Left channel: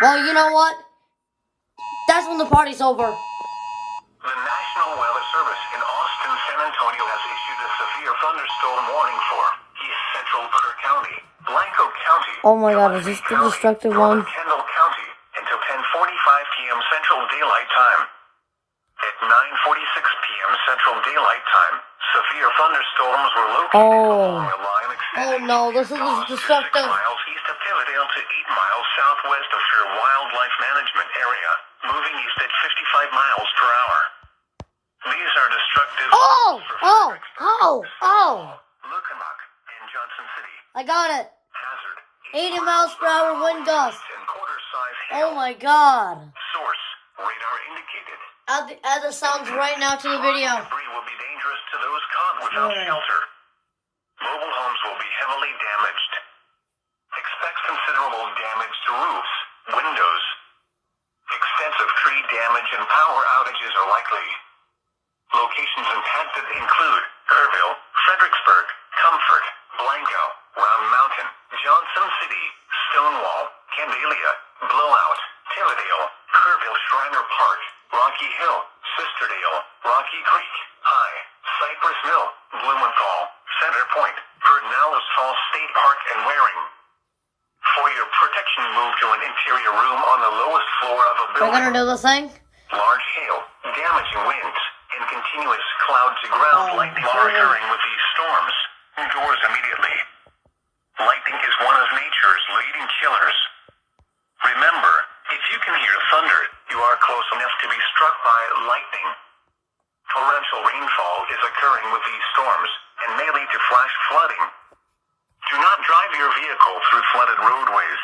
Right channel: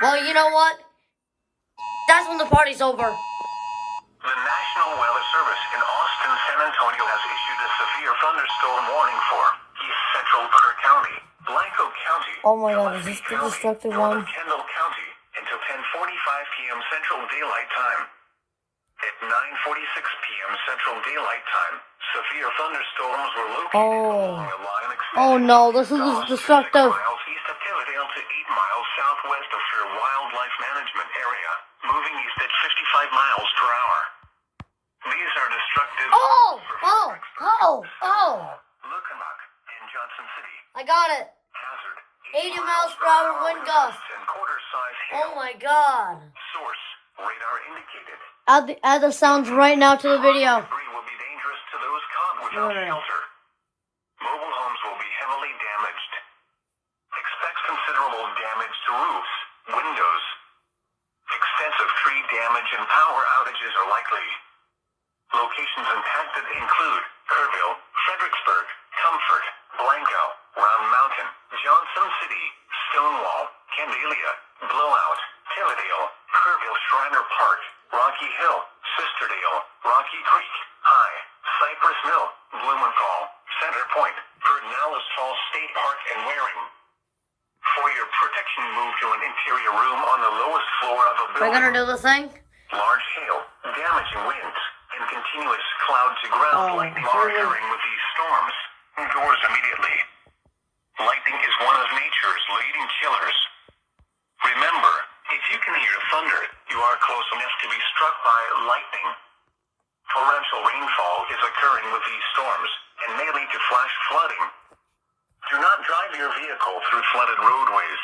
Well, you know what? That's when the party's over. The National Weather Service in Austin, San Antonio has issued a severe thunderstorm warning for East Central Kerr County, Blanco County, Oh my God, is this the County, destructive Northern one? Kendall County until 10:45 p.m. Central Daylight Time. At 9:46 p.m. Central Daylight Time, severe thunderstorms were located along a line extending no, this is from 6 destructive. miles east of Tividale to 8 miles southwest of Fair Wildlife Management Area, moving east at 55 miles per hour. These are destructive. Lukenbach and Johnson City. I got it. Hazard. 80 miles per hour wind gust. And quarter-size hail. Oh my God. Source. Radar indicated. Add the sounds right now to the video. Debris will be dangerous to those caught without shelter. Mobile homes will be heavily damaged. Expect considerable damage to roofs, windows. Extensive tree damage and power outages are likely. Locations impacted include Kerrville, Fredericksburg, Comfort, Blanco, Round Mountain, Johnson City, Stonewall, Candelia, Blowout, Tividale, Kerrville Shriner Park, Rocky Hill, Sisterdale, Rocky Creek, High, Cypress Mill, Blumenthal, Center Point, Pedernales Falls State Park, and Waring. For your protection, move to an interior room on the lowest floor of a building. We're gonna do the thing? Large hail, damaging winds, and continuous cloud-to-ground lightning are occurring with these storms. Indoors immediately. Lightning is one of nature's leading killers. Remember, if you can hear thunder, you are close enough to be struck by lightning. Torrential rainfall is occurring with these storms and may lead to flash flooding. Do not drive your vehicle through flooded roadways.